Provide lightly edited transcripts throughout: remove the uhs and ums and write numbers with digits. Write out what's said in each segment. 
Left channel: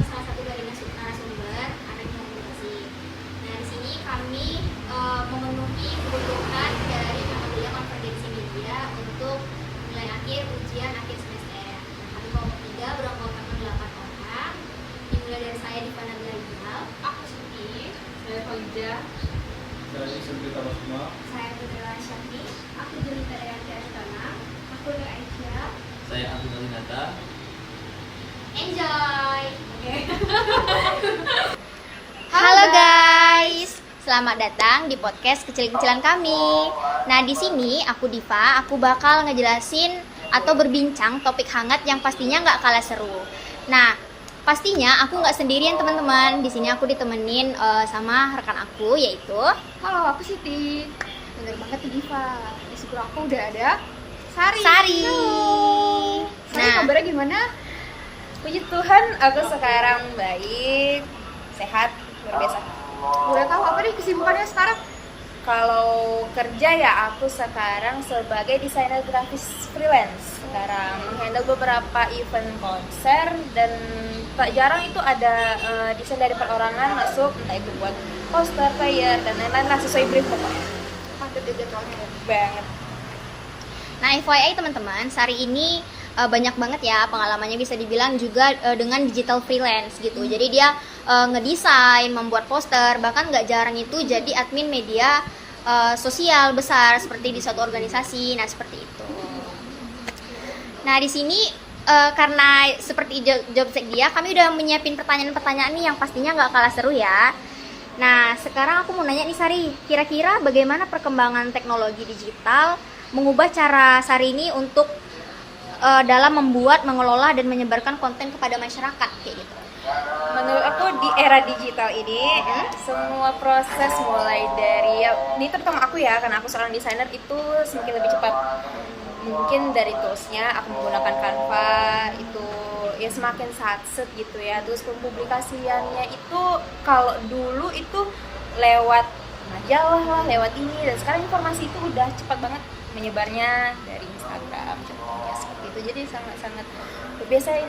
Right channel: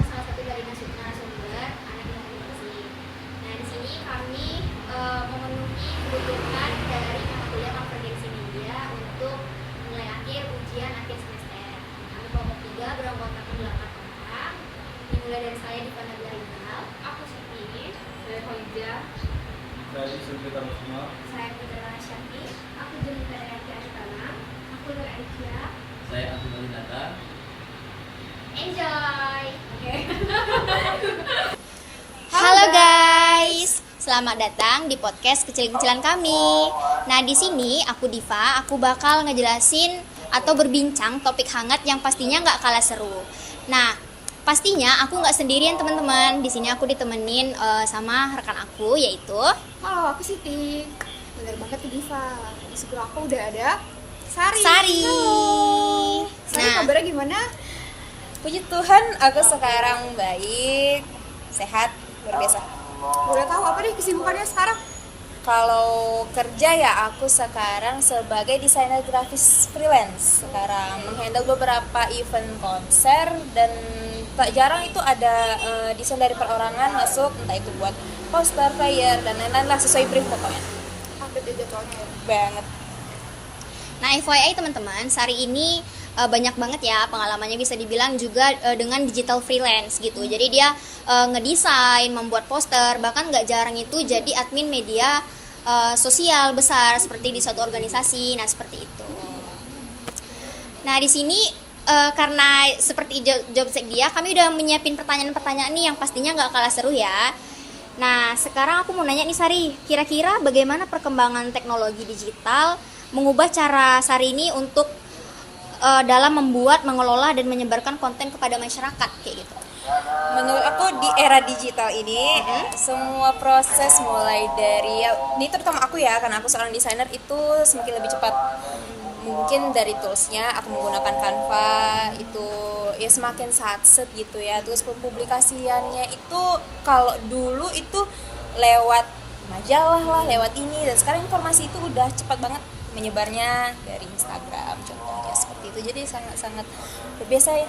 salah satu dari narasumber anak komunikasi. Nah, di sini kami memenuhi kebutuhan dari mata kuliah konvergensi media untuk nilai akhir ujian akhir semester. Kami kelompok 3 beranggotakan 8 orang. Dimulai dari saya Divana Glarizal, Aku Siti, saya Khalida, Dari Sendiri semua. saya Fidela Syakti, Aku Jelita Yanti Aritana. Aku Nur Aisyah. Saya Abdul Malinata. enjoy. Oke. Halo guys, selamat datang di podcast kecil-kecilan kami. Nah, di sini aku Diva, aku bakal ngejelasin atau berbincang topik hangat yang pastinya nggak kalah seru. Nah, pastinya aku nggak sendirian teman-teman. Di sini aku ditemenin sama rekan aku yaitu. Halo, aku Siti. Bener banget tuh Diva. Di sebelah aku udah ada Sari. Sari. Sari, kabarnya gimana? puji Tuhan aku sekarang baik, sehat, luar biasa. Boleh tahu apa nih kesibukannya sekarang? Kalau kerja ya aku sekarang sebagai desainer grafis freelance. Sekarang handle beberapa event konser dan tak jarang itu ada desain dari perorangan masuk, entah itu buat poster, flyer dan lain-lain lah sesuai brief pokoknya. Update di jadwalnya. Banget. Nah, FYI teman-teman, Sari ini banyak banget ya pengalamannya, bisa dibilang juga dengan digital freelance gitu. Jadi dia ngedesain, membuat poster, bahkan nggak jarang itu jadi admin media sosial besar seperti di suatu organisasi. Nah, seperti itu. Nah, di sini karena seperti job sek dia, kami udah menyiapin pertanyaan-pertanyaan nih yang pastinya nggak kalah seru ya. Nah, sekarang aku mau nanya nih Sari, kira-kira bagaimana perkembangan teknologi digital mengubah cara Sari ini untuk dalam membuat, mengelola, dan menyebarkan konten kepada masyarakat kayak gitu? Menurut aku di era digital ini semua proses mulai dari ini terutama aku ya, karena aku seorang desainer, itu semakin lebih cepat. Mungkin dari toolsnya aku menggunakan Canva itu ya semakin satset gitu ya. Terus pempublikasiannya itu kalau dulu itu lewat majalah lah, lewat ini, dan sekarang informasi itu udah cepat banget menyebarnya dari Instagram contohnya seperti itu. Jadi sangat-sangat biasa ya.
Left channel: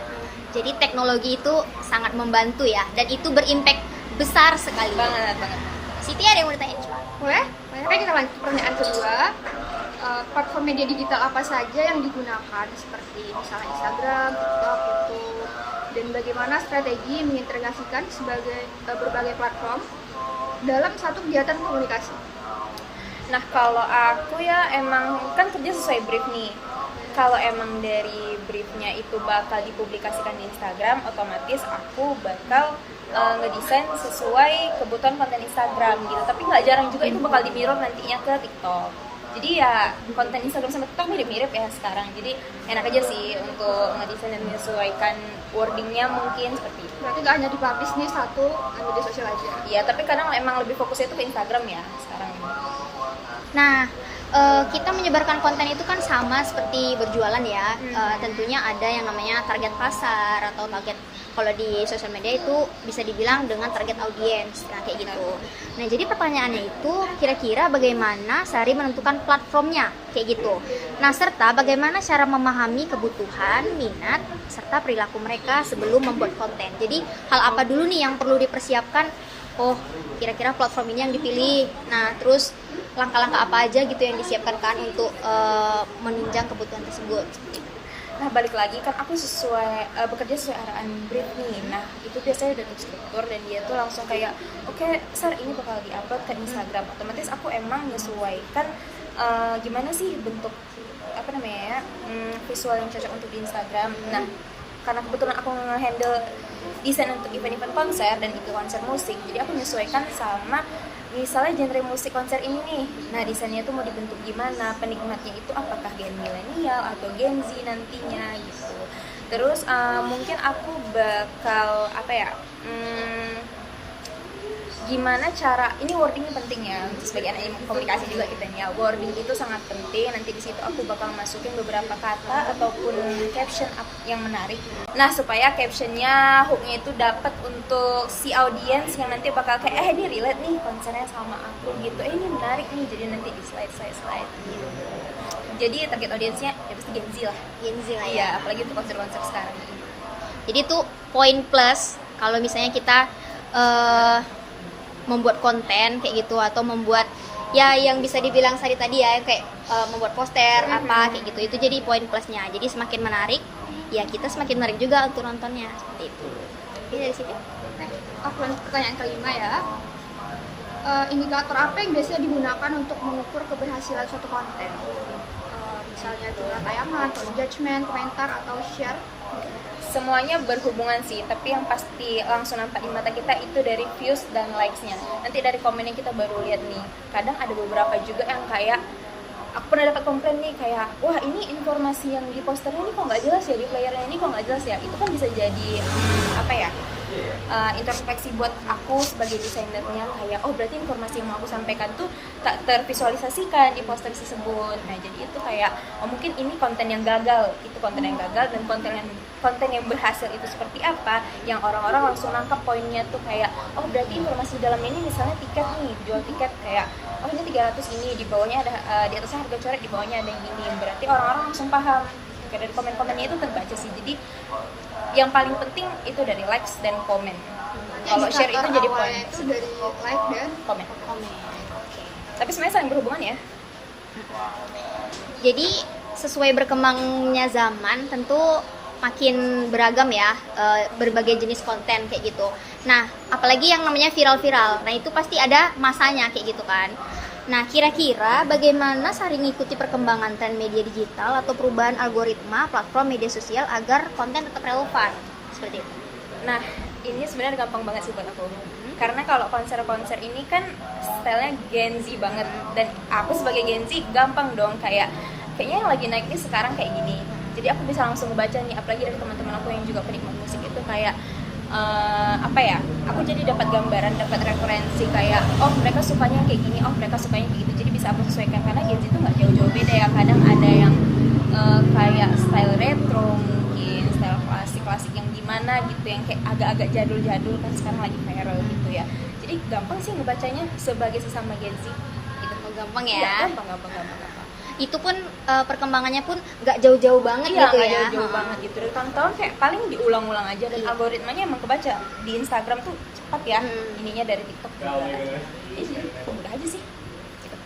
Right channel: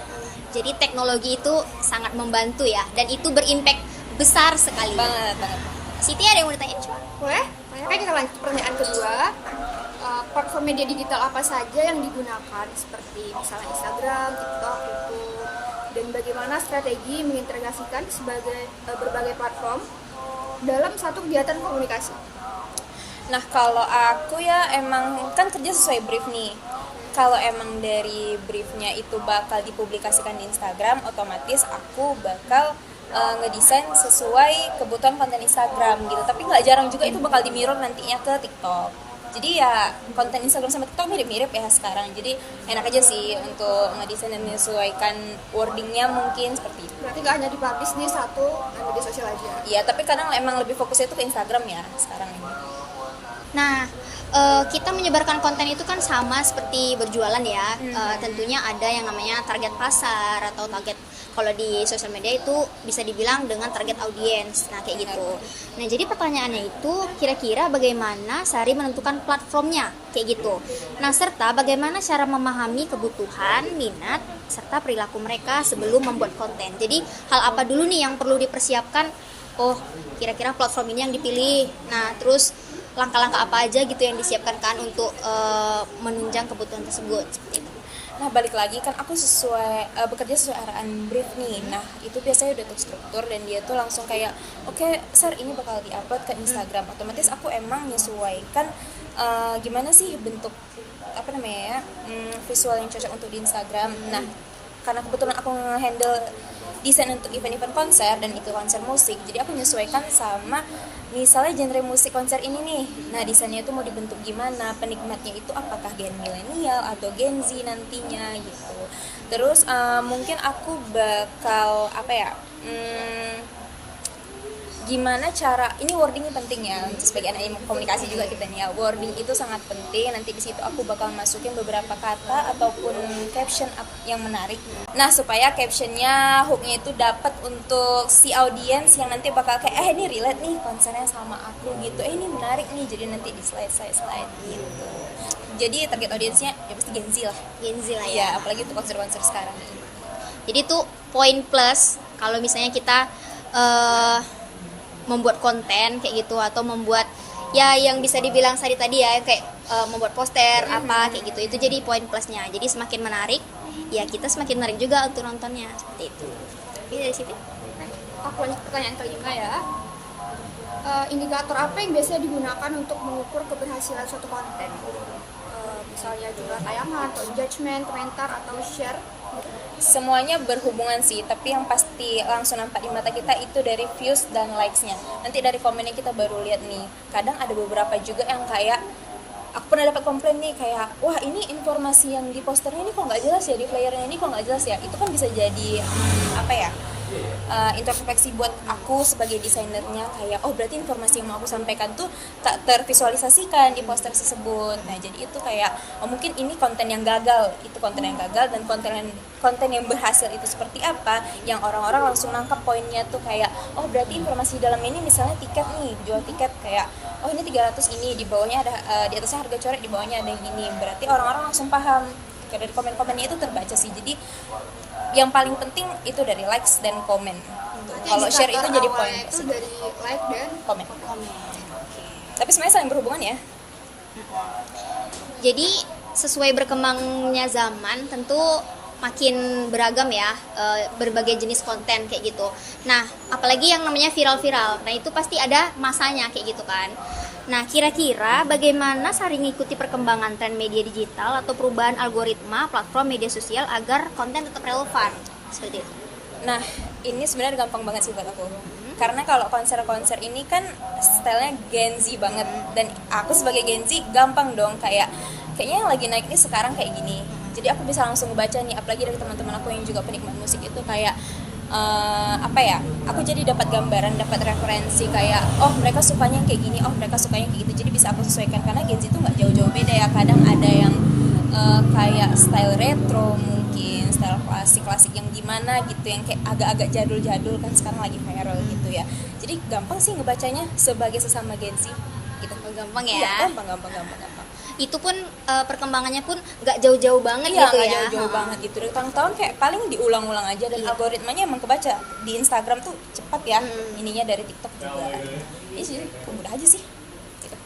Jadi teknologi itu sangat membantu ya, dan itu berimpact besar sekali. Banget. Siti ada yang mau ditanyain? Boleh? Oke, kita lanjut pertanyaan kedua. Platform media digital apa saja yang digunakan, seperti misalnya Instagram, TikTok, YouTube, dan bagaimana strategi mengintegrasikan sebagai berbagai platform dalam satu kegiatan komunikasi? Nah kalau aku ya emang kan kerja sesuai brief nih. Kalau emang dari briefnya itu bakal dipublikasikan di Instagram, otomatis aku bakal ngedesain sesuai kebutuhan konten Instagram gitu. Tapi nggak jarang juga itu bakal di-mirror nantinya ke TikTok. Jadi ya konten Instagram sama TikTok mirip-mirip ya sekarang. Jadi enak aja sih untuk ngedesain dan menyesuaikan wordingnya mungkin seperti itu. Berarti nggak hanya dipublish di satu media sosial aja? Iya, tapi kadang emang lebih fokusnya itu ke Instagram ya sekarang ini. Nah, kita menyebarkan konten itu kan sama seperti berjualan ya. Tentunya ada yang namanya target pasar atau target, kalau di sosial media itu bisa dibilang dengan target audiens. Nah, kayak gitu. Nah, jadi pertanyaannya itu kira-kira bagaimana Sari menentukan platformnya kayak gitu. Nah, serta bagaimana cara memahami kebutuhan, minat, serta perilaku mereka sebelum membuat konten. Jadi hal apa dulu nih yang perlu dipersiapkan? Oh, kira-kira platform ini yang dipilih. Nah, terus langkah-langkah apa aja gitu yang disiapkan kan untuk menunjang kebutuhan tersebut seperti itu. Nah balik lagi kan aku bekerja sesuai arahan brief nih. Nah itu biasanya udah terstruktur dan dia tuh langsung kayak oke, Sar ini bakal diupload ke Instagram. Otomatis aku emang menyesuaikan gimana sih bentuk visual yang cocok untuk di Instagram. Nah karena kebetulan aku nge-handle desain untuk event-event konser dan itu konser musik, jadi aku menyesuaikan sama misalnya genre musik konser ini nih. Nah desainnya itu mau dibentuk gimana, penikmatnya itu apakah gen milenial atau Gen Z nantinya gitu. Terus mungkin aku bakal gimana cara, ini wordingnya penting ya sebagai anak komunikasi juga kita nih ya, wording itu sangat penting. Nanti di situ aku bakal masukin beberapa kata ataupun caption yang menarik. Nah supaya captionnya, hooknya itu dapat untuk si audiens yang nanti bakal kayak ini relate nih konsernya sama aku gitu, ini menarik nih, jadi nanti di slide gitu. Jadi target audiensnya ya pasti Gen Z lah ya. Iya, apalagi untuk konser-konser sekarang ini. Jadi itu poin plus Kalau misalnya kita membuat konten kayak gitu atau membuat ya yang bisa dibilang Sari tadi ya kayak membuat poster apa kayak gitu, itu jadi poin plusnya. Jadi semakin menarik ya kita semakin menarik juga untuk nontonnya seperti itu. Oke, dari situ Aku lanjut pertanyaan kelima ya. Indikator apa yang biasanya digunakan untuk mengukur keberhasilan suatu konten? Misalnya jumlah tayangan, atau engagement, komentar, atau share. Semuanya berhubungan sih, tapi yang pasti langsung nampak di mata kita itu dari views dan likes-nya. Nanti dari komennya kita baru lihat nih. Kadang ada beberapa juga yang kayak aku pernah dapat komplain nih kayak, wah ini informasi yang di posternya ini kok nggak jelas ya, di playernya ini kok nggak jelas ya. Itu kan bisa jadi apa ya, introspeksi buat aku sebagai desainernya, kayak oh berarti informasi yang mau aku sampaikan tuh tak tervisualisasikan di poster tersebut. Nah jadi itu kayak mungkin ini konten yang gagal, itu konten yang gagal, dan konten yang berhasil itu seperti apa, yang orang-orang langsung nangkap poinnya tuh kayak oh berarti informasi dalam ini misalnya tiket nih, jual tiket kayak oh ini 300 ini, di bawahnya ada di atasnya harga coret, di bawahnya ada yang ini, berarti orang-orang langsung paham. Kayak dari komen-komennya itu terbaca sih. Jadi yang paling penting itu dari likes dan komen. Kalau share itu jadi poin. Itu dari like dan Komen. Tapi sebenarnya saling berhubungan ya. jadi sesuai berkembangnya zaman tentu makin beragam ya berbagai jenis konten kayak gitu. Nah, apalagi yang namanya viral-viral. Nah, itu pasti ada masanya kayak gitu kan. Nah, kira-kira bagaimana Sari mengikuti perkembangan tren media digital atau perubahan algoritma platform media sosial agar konten tetap relevan? Seperti itu. Nah, ini sebenarnya gampang banget sih buat aku. Karena kalau konser-konser ini kan stylenya Gen Z banget, dan aku sebagai Gen Z gampang dong kayaknya yang lagi naik nih sekarang kayak gini. Jadi aku bisa langsung ngebaca nih, apalagi dari teman-teman aku yang juga penikmat musik itu kayak apa ya, aku jadi dapat gambaran, dapat referensi kayak oh mereka sukanya kayak gini, oh mereka sukanya kayak gitu, jadi bisa aku sesuaikan. Karena Gen Z itu nggak jauh-jauh beda ya, kadang ada yang kayak style retro, mungkin style klasik-klasik yang gimana gitu, yang kayak agak-agak jadul-jadul kan sekarang lagi viral gitu ya. Jadi gampang sih ngebacanya sebagai sesama Gen Z gitu. Oh, gampang ya. Iya, gampang. Itu pun perkembangannya pun nggak jauh-jauh banget Iya, gitu nggak ya. jauh-jauh banget gitu. Dari tahun-tahun kayak paling diulang-ulang aja, dan algoritmanya emang kebaca. Di Instagram tuh cepat ya, ininya dari TikTok juga. Ini sih, mudah aja sih. Gitu.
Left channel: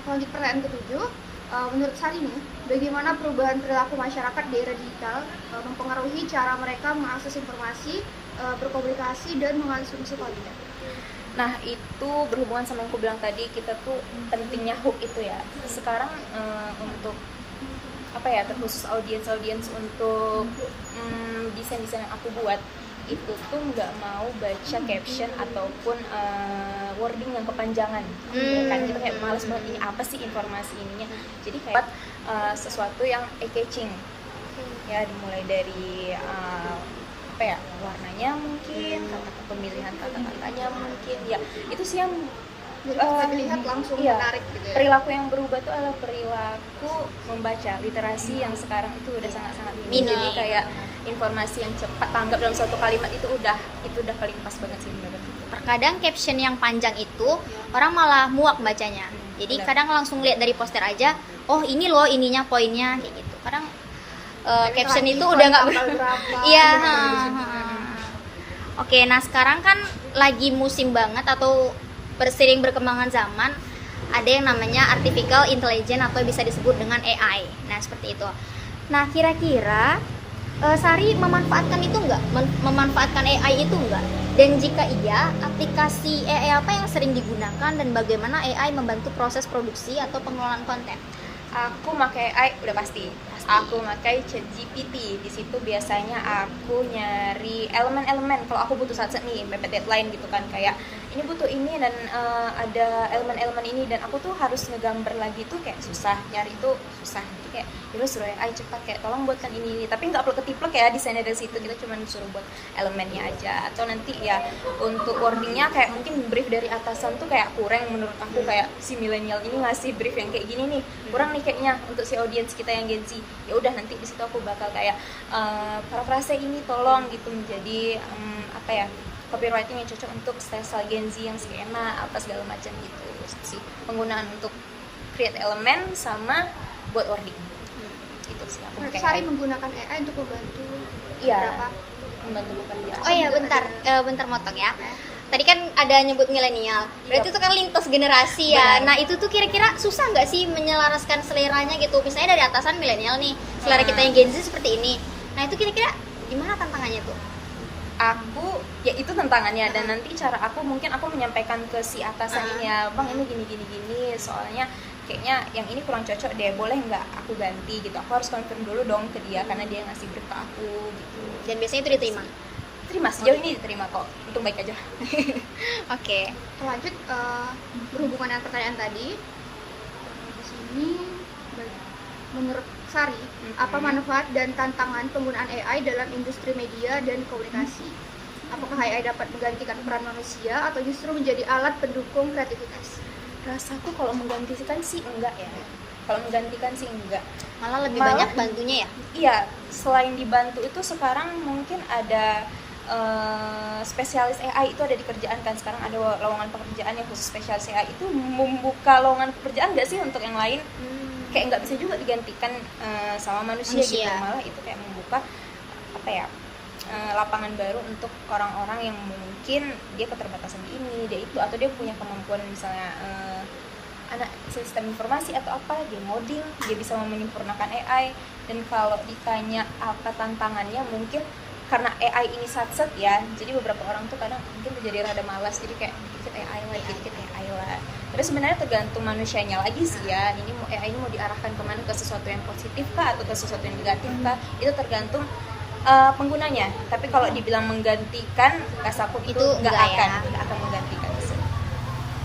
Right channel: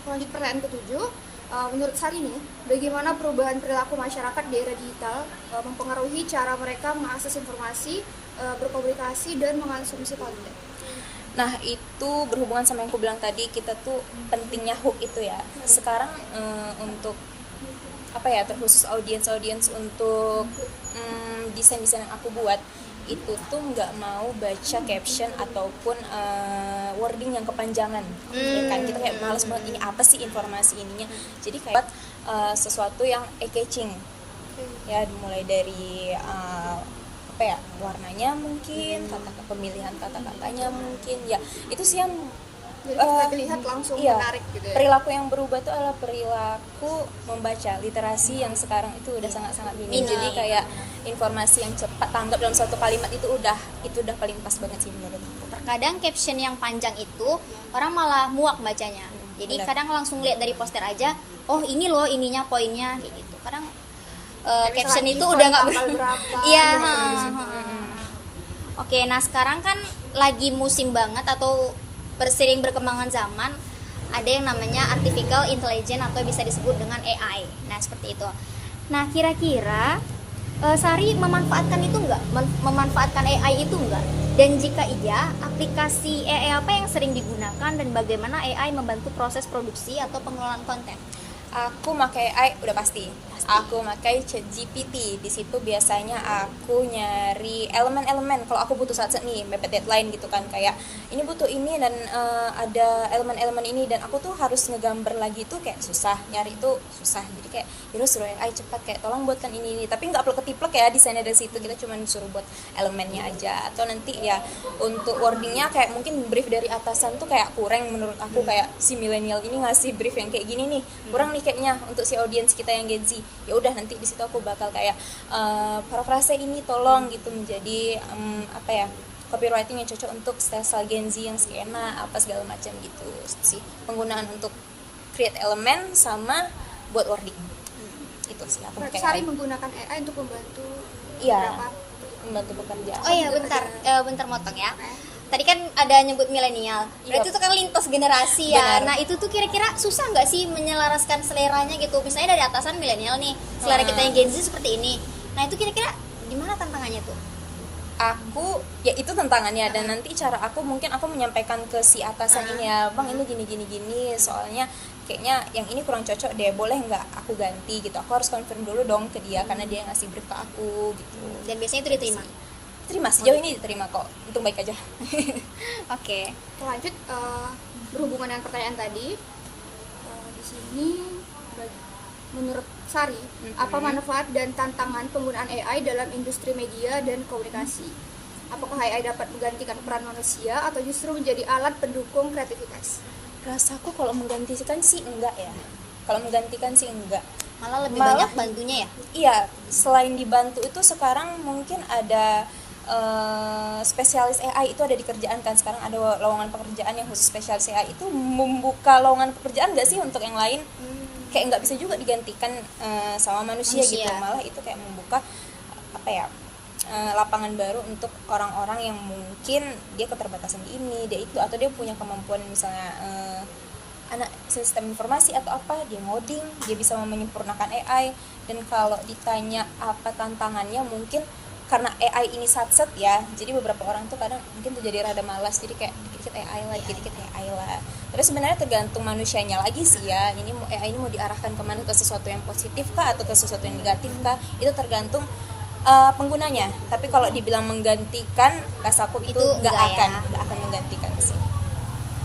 Aku lanjut pertanyaan ketujuh. Menurut Sari nih, bagaimana perubahan perilaku masyarakat di era digital mempengaruhi cara mereka mengakses informasi, berkomunikasi, dan mengonsumsi konten? Nah, itu berhubungan sama yang aku bilang tadi, kita tuh pentingnya hook itu ya. Sekarang untuk apa ya, terkhusus audiens untuk desain-desain yang aku buat itu tuh nggak mau baca caption ataupun wording yang kepanjangan kan, kita kayak malas banget, ini apa sih informasi ininya. Jadi kayak sesuatu yang eye-catching ya, dimulai dari apa ya, warnanya mungkin, pemilihan kata-katanya mungkin ya, itu sih yang Jadi kita lihat langsung iya, menarik gitu ya. perilaku yang berubah tuh adalah perilaku membaca. Literasi yang sekarang itu udah sangat-sangat minim. Jadi kayak informasi yang cepat tanggap dalam satu kalimat itu udah paling pas banget sih menurut. Terkadang caption yang panjang itu orang malah muak bacanya. Jadi Benar. kadang langsung lihat dari poster aja, oh ini loh ininya poinnya kayak gitu. Kadang caption itu udah nggak iya. Oke, nah sekarang kan lagi musim banget atau sering berkembangan zaman, ada yang namanya artificial intelligence atau bisa disebut dengan AI. Nah seperti itu. Nah kira-kira Sari memanfaatkan itu enggak? Memanfaatkan AI itu enggak? Dan jika iya, aplikasi AI apa yang sering digunakan dan bagaimana AI membantu proses produksi atau pengelolaan konten? Aku pakai AI udah pasti. Aku pakai ChatGPT. Di situ biasanya aku nyari elemen-elemen. Kalau aku butuh saat nih mepet deadline gitu kan, kayak ini butuh ini dan ada elemen-elemen ini, dan aku tuh harus ngegambar lagi tuh kayak susah, nyari itu susah. Jadi kayak yaudah suruh AI cepat kayak tolong buatkan ini. Tapi nggak perlu ketiplek ya desainnya dari situ. Kita cuma suruh buat elemennya aja. Atau nanti ya untuk wordingnya kayak mungkin brief dari atasan tuh kayak kurang menurut aku, kayak si milenial ini ngasih brief yang kayak gini nih kurang nih kayaknya untuk si audiens kita yang Gen Z. Ya udah nanti di situ aku bakal kayak parafrase ini tolong gitu menjadi apa ya, copywriting yang cocok untuk style Gen Z yang skena apa segala macam gitu sih. Penggunaan untuk create elemen sama buat wording. Itu sih aku pakai Sari AI. menggunakan AI untuk membantu Iya. beberapa. Membantu bekerja ya. Oh iya, bentar motong ya. Tadi kan ada nyebut milenial. Berarti itu kan lintas generasi ya. Benar. Nah, itu tuh kira-kira susah nggak sih menyelaraskan seleranya gitu? Misalnya dari atasan milenial nih, selera kita yang Gen Z seperti ini. Nah, itu kira-kira gimana tantangannya tuh? Aku ya itu tantangannya, dan nanti cara aku mungkin aku menyampaikan ke si atasannya, bang ini gini soalnya kayaknya yang ini kurang cocok deh, boleh nggak aku ganti gitu. Aku harus confirm dulu dong ke dia karena dia ngasih brief ke aku gitu. Dan biasanya itu diterima. Terima, sejauh ini diterima kok, untung baik aja. Oke. Lanjut berhubungan dengan pertanyaan tadi, di sini menurut Sari, apa manfaat dan tantangan penggunaan AI dalam industri media dan komunikasi? Apakah AI dapat menggantikan peran manusia atau justru menjadi alat pendukung kreativitas? Rasaku kalau menggantikan sih enggak ya. Kalau menggantikan sih enggak. Malah lebih banyak bantunya ya? Iya, selain dibantu itu sekarang mungkin ada spesialis AI itu ada di kerjaan kan. Sekarang ada lowongan pekerjaan yang khusus spesialis AI, itu membuka lowongan pekerjaan nggak sih untuk yang lain? Kayak nggak bisa juga digantikan sama manusia gitu. Malah itu kayak membuka apa ya, lapangan baru untuk orang-orang yang mungkin dia keterbatasan di ini, dia itu, atau dia punya kemampuan misalnya anak sistem informasi atau apa, dia ngoding, dia bisa menyempurnakan AI. Dan kalau ditanya apa tantangannya, mungkin karena AI ini satset ya, jadi beberapa orang tuh kadang mungkin terjadi rada malas, jadi kayak dikit-dikit AI lah, dikit-dikit AI lah. Terus sebenarnya tergantung manusianya lagi sih ya, ini AI ini mau diarahkan kemana, ke sesuatu yang positif kah atau ke sesuatu yang negatif kah, itu tergantung penggunanya. Tapi kalau dibilang menggantikan, rasaku itu nggak akan menggantikan sih.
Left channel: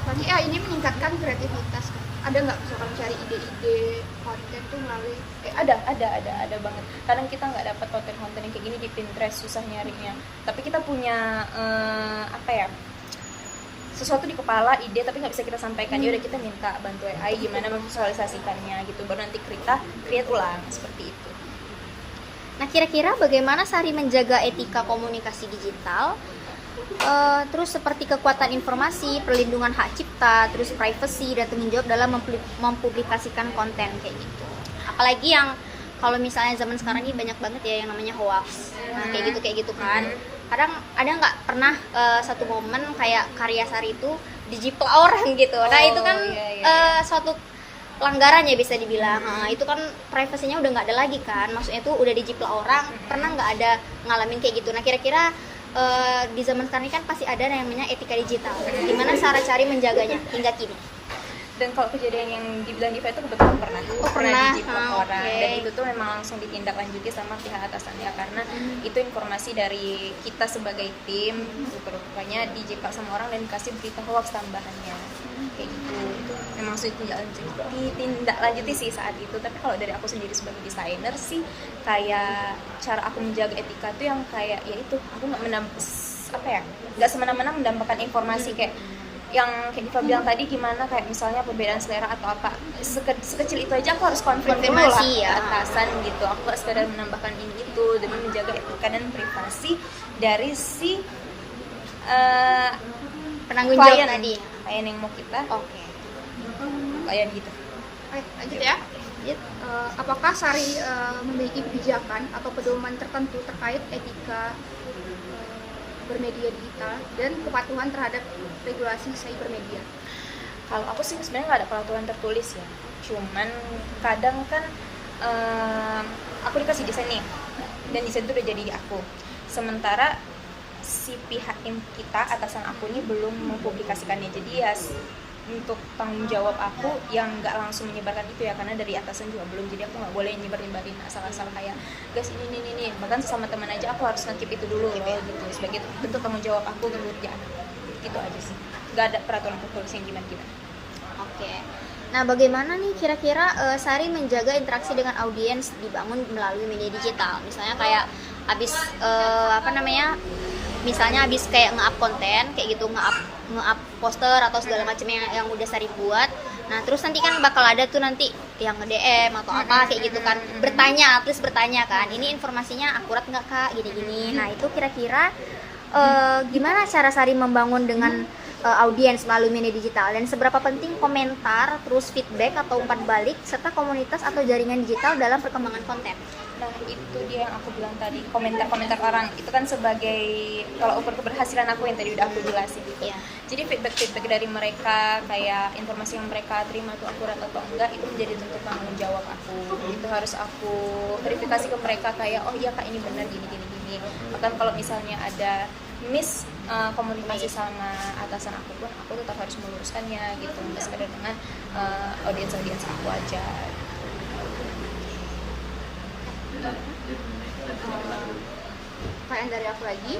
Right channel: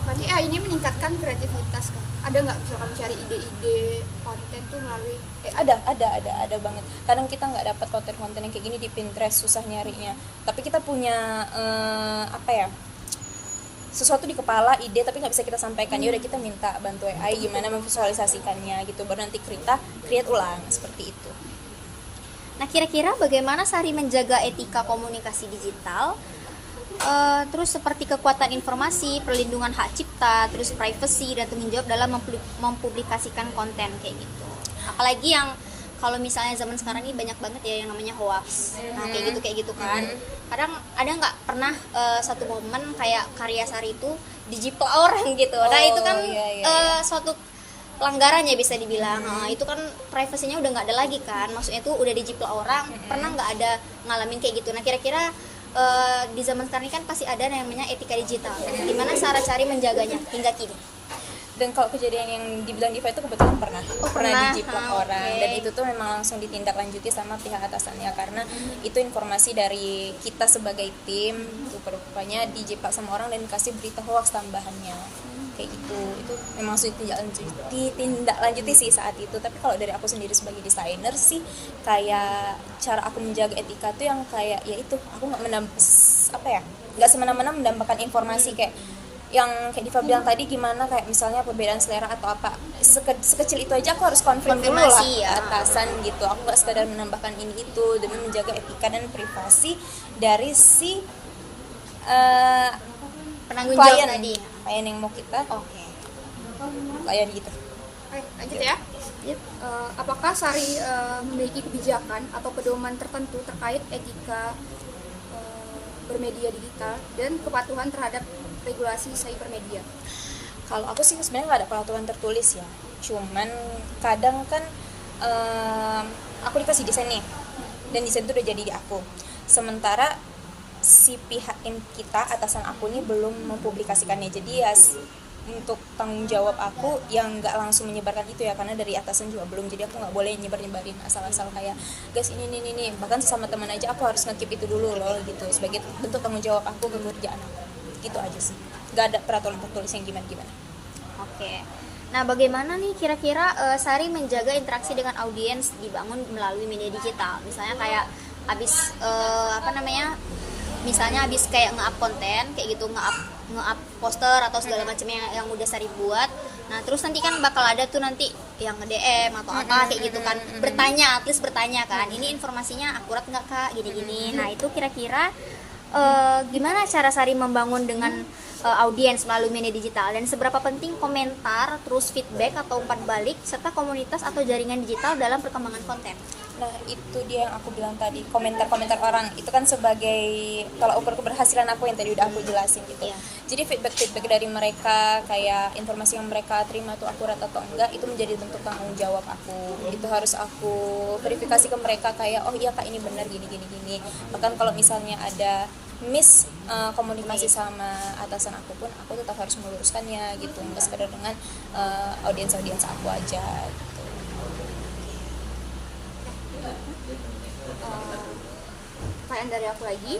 Berarti AI ini meningkatkan kreativitas kan? Ada nggak misalkan mencari ide-ide konten tuh melalui ada banget. Kadang kita nggak dapat konten-konten yang kayak gini di Pinterest, susah nyarinya. Tapi kita punya apa ya, sesuatu di kepala, ide, tapi nggak bisa kita sampaikan. Ya udah, kita minta bantu AI gimana memvisualisasikannya gitu, baru nanti kita create ulang seperti itu. Nah, kira-kira bagaimana Sari menjaga etika komunikasi digital? Terus seperti kekuatan informasi, perlindungan hak cipta, terus privacy dan tanggung jawab dalam mempublikasikan konten kayak gitu. Apalagi yang kalau misalnya zaman sekarang ini banyak banget ya yang namanya hoax. Nah, kayak gitu kan. Kadang ada nggak pernah satu momen kayak karya Sari itu dijiplak orang gitu. Nah, itu kan suatu pelanggaran ya bisa dibilang. Nah, itu kan privasinya udah nggak ada lagi kan. Maksudnya itu udah dijiplak orang. Pernah nggak ada ngalamin kayak gitu? Nah, kira-kira di zaman sekarang ini kan pasti ada yang namanya etika digital. Gimana cara cari menjaganya hingga kini? Dan kalau kejadian yang dibilang Diva itu kebetulan pernah dijiplak orang, dan itu tuh memang langsung ditindaklanjuti sama pihak atasannya, karena itu informasi dari kita sebagai tim. Itu rupanya dijiplak sama orang dan dikasih berita hoax tambahannya kayak gitu. Itu memang langsung ditindaklanjuti sih saat itu. Tapi kalau dari aku sendiri sebagai desainer sih, kayak cara aku menjaga etika tuh yang kayak ya itu, aku nggak semena-mena mendapatkan informasi kayak yang kayak Diva bilang tadi, gimana kayak misalnya perbedaan selera atau apa, sekecil itu aja aku harus konfirmasi dulu lah ke atasan gitu. Aku gak sekadar menambahkan ini itu demi menjaga etika dan privasi dari si penanggung jawab tadi, klien yang mau kita klien gitu. Oke, lanjut ya. Apakah Sari memiliki kebijakan atau pedoman tertentu terkait etika bermedia digital dan kepatuhan terhadap regulasi cybermedia? Kalau aku sih sebenarnya nggak ada peraturan tertulis ya, cuman kadang kan aku dikasih desain nih, dan desain itu udah jadi di aku, sementara si pihak yang kita, atasan aku ini belum mempublikasikannya. Jadi ya untuk tanggung jawab aku yang nggak langsung menyebarkan itu ya, karena dari atasan juga belum, jadi aku nggak boleh nyebarin asal-asal kayak guys ini, bahkan sesama teman aja aku harus nge-keep itu dulu loh gitu, sebagai bentuk tanggung jawab aku ke kerjaan gitu aja sih. Nggak ada peraturan tertulis yang gimana. Oke. Nah, bagaimana nih kira-kira Sari menjaga interaksi dengan audiens dibangun melalui media digital? Misalnya kayak habis misalnya habis kayak nge-up konten kayak gitu, nge-up poster atau segala macam yang udah Sari buat. Nah, terus nanti kan bakal ada tuh nanti yang nge-DM atau apa kayak gitu kan, bertanya, at least bertanya kan, ini informasinya akurat nggak Kak, gini-gini. Nah, itu kira-kira gimana cara Sari membangun dengan audiens melalui media digital, dan seberapa penting komentar, terus feedback atau umpan balik, serta komunitas atau jaringan digital dalam perkembangan konten? Nah itu dia yang aku bilang tadi, komentar-komentar orang itu kan sebagai tolak ukur keberhasilan aku yang tadi udah aku jelasin gitu. Iya. Jadi feedback dari mereka, kayak informasi yang mereka terima itu akurat atau enggak, itu menjadi bentuk tanggung jawab aku. Itu harus aku verifikasi ke mereka kayak, oh iya kak ini benar gini. Bahkan kalau misalnya ada komunikasi sama atasan aku pun, aku tetap harus meluruskannya gitu, nggak sekedar dengan audiens aku aja. Pertanyaan dari aku lagi,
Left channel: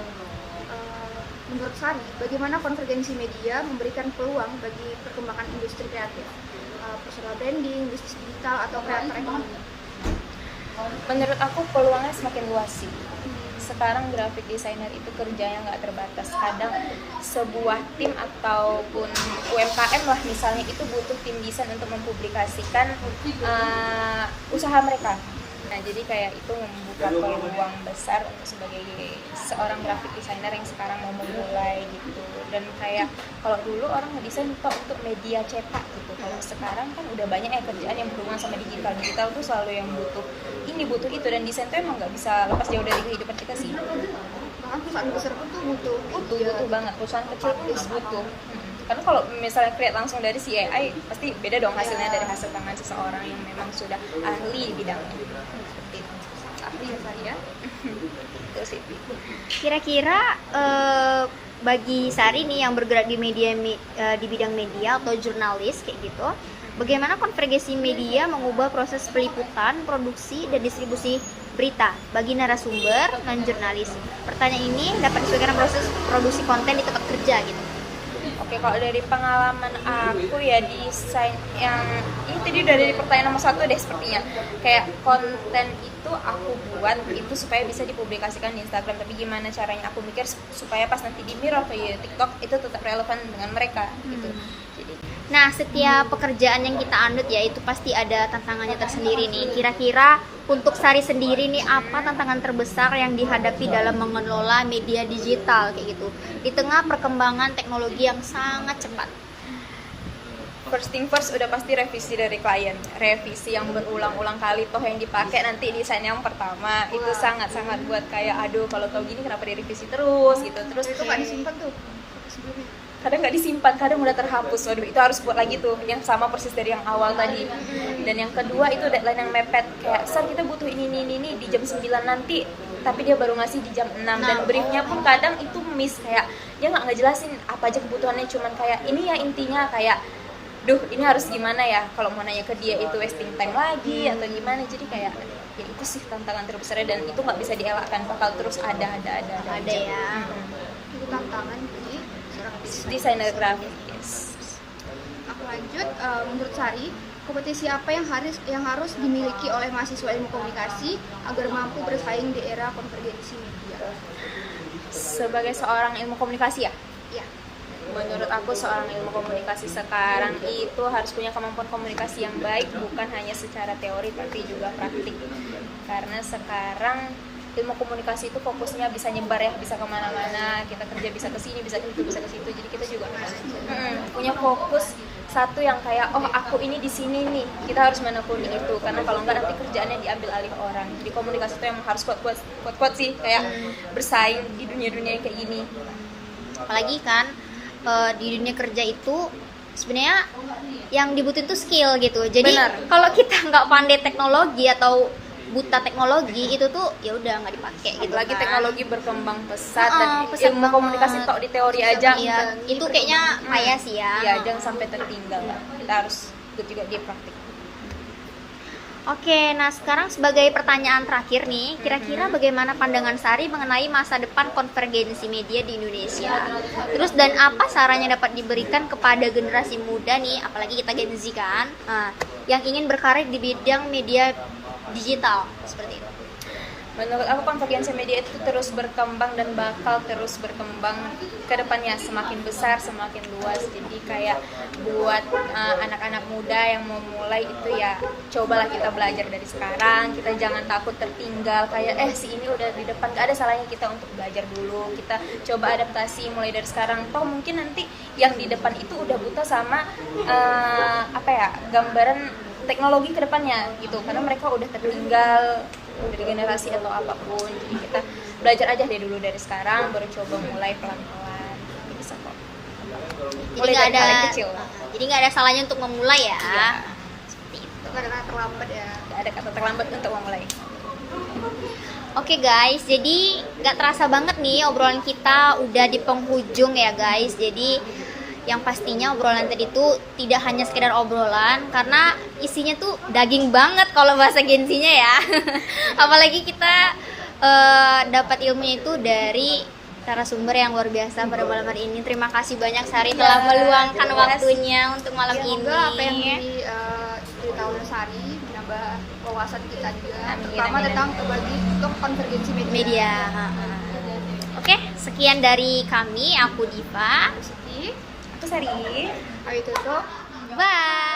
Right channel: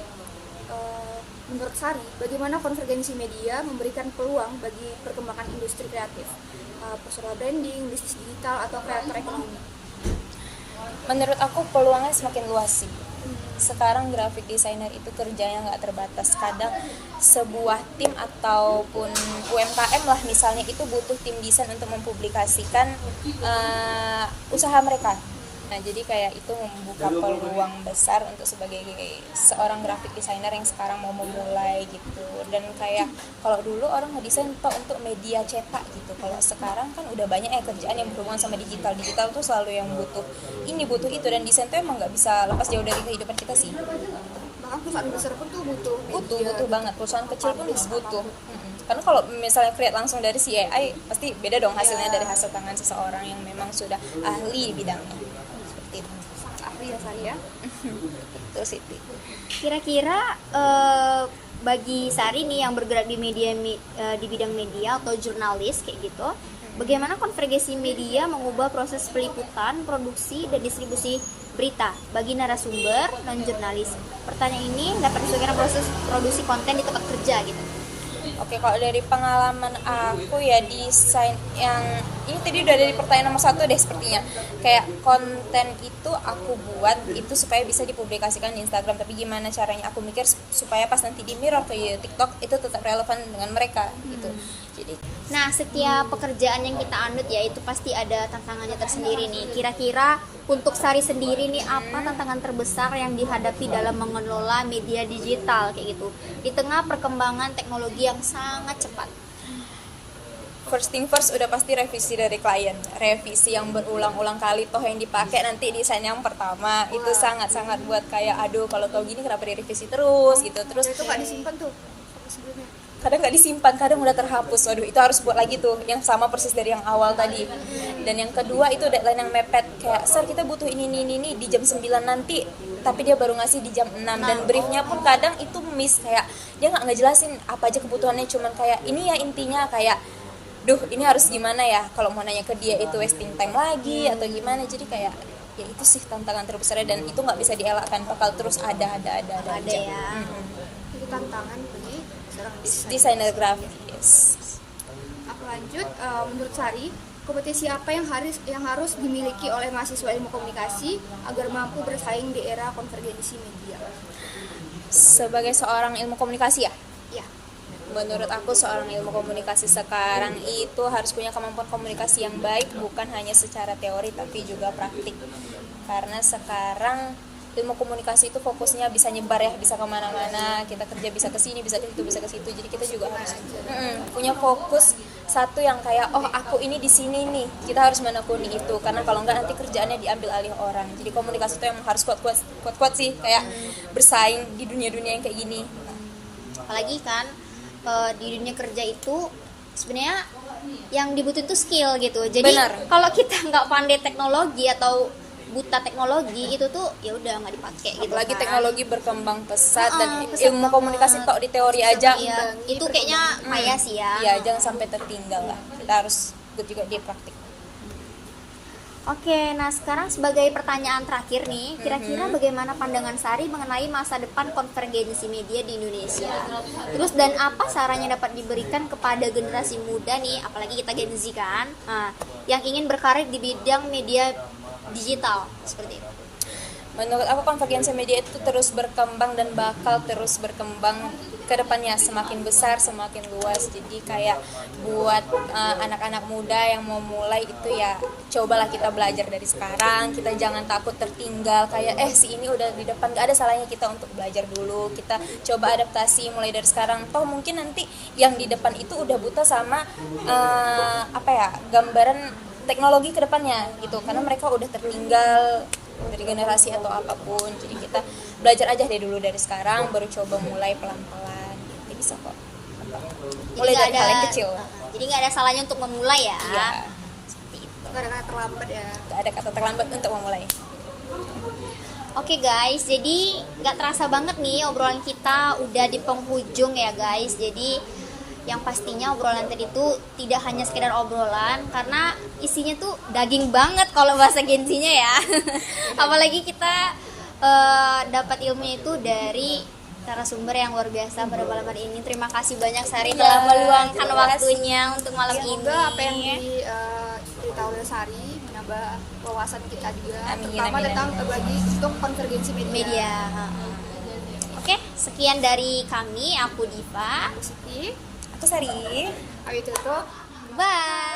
menurut Sari, bagaimana konvergensi media memberikan peluang bagi perkembangan industri kreatif, personal branding, bisnis digital, atau kreator ekonomi? Menurut aku peluangnya semakin luas sih. Sekarang graphic designer itu kerjanya nggak terbatas. Kadang sebuah tim ataupun UMKM lah misalnya itu butuh tim desain untuk mempublikasikan usaha mereka. Nah jadi kayak itu membuka peluang besar untuk sebagai seorang graphic designer yang sekarang mau memulai gitu. Dan kayak kalau dulu orang ngedesain untuk media cetak gitu, kalau sekarang kan udah banyak kerjaan yang berhubungan sama digital tuh selalu yang butuh itu, dan desain tuh emang nggak bisa lepas jauh dari kehidupan kita sih. Bahkan perusahaan besar pun tuh butuh banget, perusahaan kecil pun butuh. Karena kalau misalnya create langsung dari si AI pasti beda dong hasilnya dari hasil tangan seseorang yang memang sudah ahli di bidangnya. Seperti itu. ahli ya Sari ya. Terus itu. Kira-kira bagi Sari nih yang bergerak di di bidang media atau jurnalis kayak gitu, bagaimana konvergensi media mengubah proses peliputan, produksi, dan distribusi berita bagi narasumber non-jurnalis? Pertanyaan ini dapat disesuaikan proses produksi konten di tempat kerja gitu. Oke, kalau dari pengalaman aku ya desain yang ini tadi udah dari pertanyaan nomor 1 deh sepertinya. Kayak konten itu aku buat itu supaya bisa dipublikasikan di Instagram, tapi gimana caranya aku mikir supaya pas nanti di mirror ke TikTok itu tetap relevan dengan mereka gitu. Jadi Nah, setiap pekerjaan yang kita anut ya itu pasti ada tantangannya tersendiri nih. Kira-kira untuk Sari sendiri nih apa tantangan terbesar yang dihadapi dalam mengelola media digital kayak gitu di tengah perkembangan teknologi yang sangat cepat? first thing first udah pasti revisi dari klien, revisi yang berulang-ulang kali toh yang dipakai nanti desain yang pertama itu sangat-sangat buat kayak aduh kalau tau gini kenapa direvisi terus gitu. Terus Itu nggak disimpan tuh sebelumnya. kadang nggak disimpan, kadang udah terhapus, waduh itu harus buat lagi tuh yang sama persis dari yang awal tadi. Dan yang kedua itu deadline yang mepet, kayak Sar kita butuh ini di jam 9 nanti, tapi dia baru ngasih di jam 6 dan briefnya pun kadang itu miss, kayak dia nggak ngejelasin apa aja kebutuhannya, cuman kayak ini ya intinya kayak duh ini harus gimana ya, kalau mau nanya ke dia itu wasting time lagi atau gimana. Jadi kayak ya itu sih tantangan terbesarnya, dan itu nggak bisa dielakkan, bakal terus ada aja. Ya. Itu tantangan bagi seorang Desainer grafis, yes. Aku lanjut, menurut Sari, kompetisi apa yang harus dimiliki oleh mahasiswa ilmu komunikasi agar mampu bersaing di era konvergensi media? Sebagai seorang ilmu komunikasi ya, Ya, menurut aku seorang ilmu komunikasi sekarang itu harus punya kemampuan komunikasi yang baik, bukan hanya secara teori tapi juga praktik. Karena sekarang ilmu komunikasi itu fokusnya bisa nyebar ya, bisa kemana-mana, kita kerja bisa ke sini, bisa ke situ, bisa ke situ. Jadi kita juga harus punya fokus satu yang kayak oh aku ini di sini nih, kita harus menekuni itu, karena kalau enggak nanti kerjaannya diambil alih orang. Jadi komunikasi itu yang harus kuat sih, kayak bersaing di dunia-dunia yang kayak gini. Apalagi kan di dunia kerja itu sebenarnya yang dibutuhin tuh skill gitu. Jadi kalau kita nggak pandai teknologi atau buta teknologi itu tuh ya udah nggak dipakai gitu. Lagi kan. Teknologi berkembang pesat dan pesat ilmu banget. komunikasi tok di teori aja. Iya, itu kayaknya payah sih ya. Iya, jangan sampai tertinggal lah. Kita harus ikut juga di praktik. Oke, nah sekarang sebagai pertanyaan terakhir nih, kira-kira bagaimana pandangan Sari mengenai masa depan konvergensi media di Indonesia? Terus dan apa sarannya dapat diberikan kepada generasi muda nih, apalagi kita Gen Z kan, yang ingin berkarir di bidang media digital seperti itu? Menurut aku konvergensi media itu terus berkembang dan bakal terus berkembang ke depannya, semakin besar, semakin luas. Jadi kayak buat anak-anak muda yang mau mulai itu ya cobalah kita belajar dari sekarang. Kita jangan takut tertinggal kayak si ini udah di depan, gak ada salahnya kita untuk belajar dulu. Kita coba adaptasi mulai dari sekarang. Toh mungkin nanti yang di depan itu udah buta sama gambaran teknologi ke depannya gitu, karena mereka udah tertinggal dari generasi atau apapun. Jadi kita belajar aja deh dulu dari sekarang, baru coba mulai pelan-pelan. Ini bisa kok. Jadi Mulai nggak dari ada hal yang kecil. jadi nggak ada salahnya untuk memulai ya. Iya. Seperti itu. Karena terlambat ya. Gak ada kata terlambat untuk memulai. Oke guys, jadi nggak terasa banget nih obrolan kita udah di penghujung ya guys. Jadi yang pastinya obrolan tadi itu tidak hanya sekedar obrolan, karena isinya tuh daging banget kalau bahasa Gen-Z-nya ya. Apalagi kita dapat ilmunya itu dari narasumber yang luar biasa pada malam hari ini. Terima kasih banyak Sari telah meluangkan terima kasih. waktunya untuk malam ini. Semoga apa yang diceritakan oleh Sari menambah wawasan kita juga, Amin, terutama amin, tentang amin. berbagi untuk konvergensi media. Media. Oke, sekian dari kami. Aku Diva. Siti, Aku Sari. kami tutup. Bye.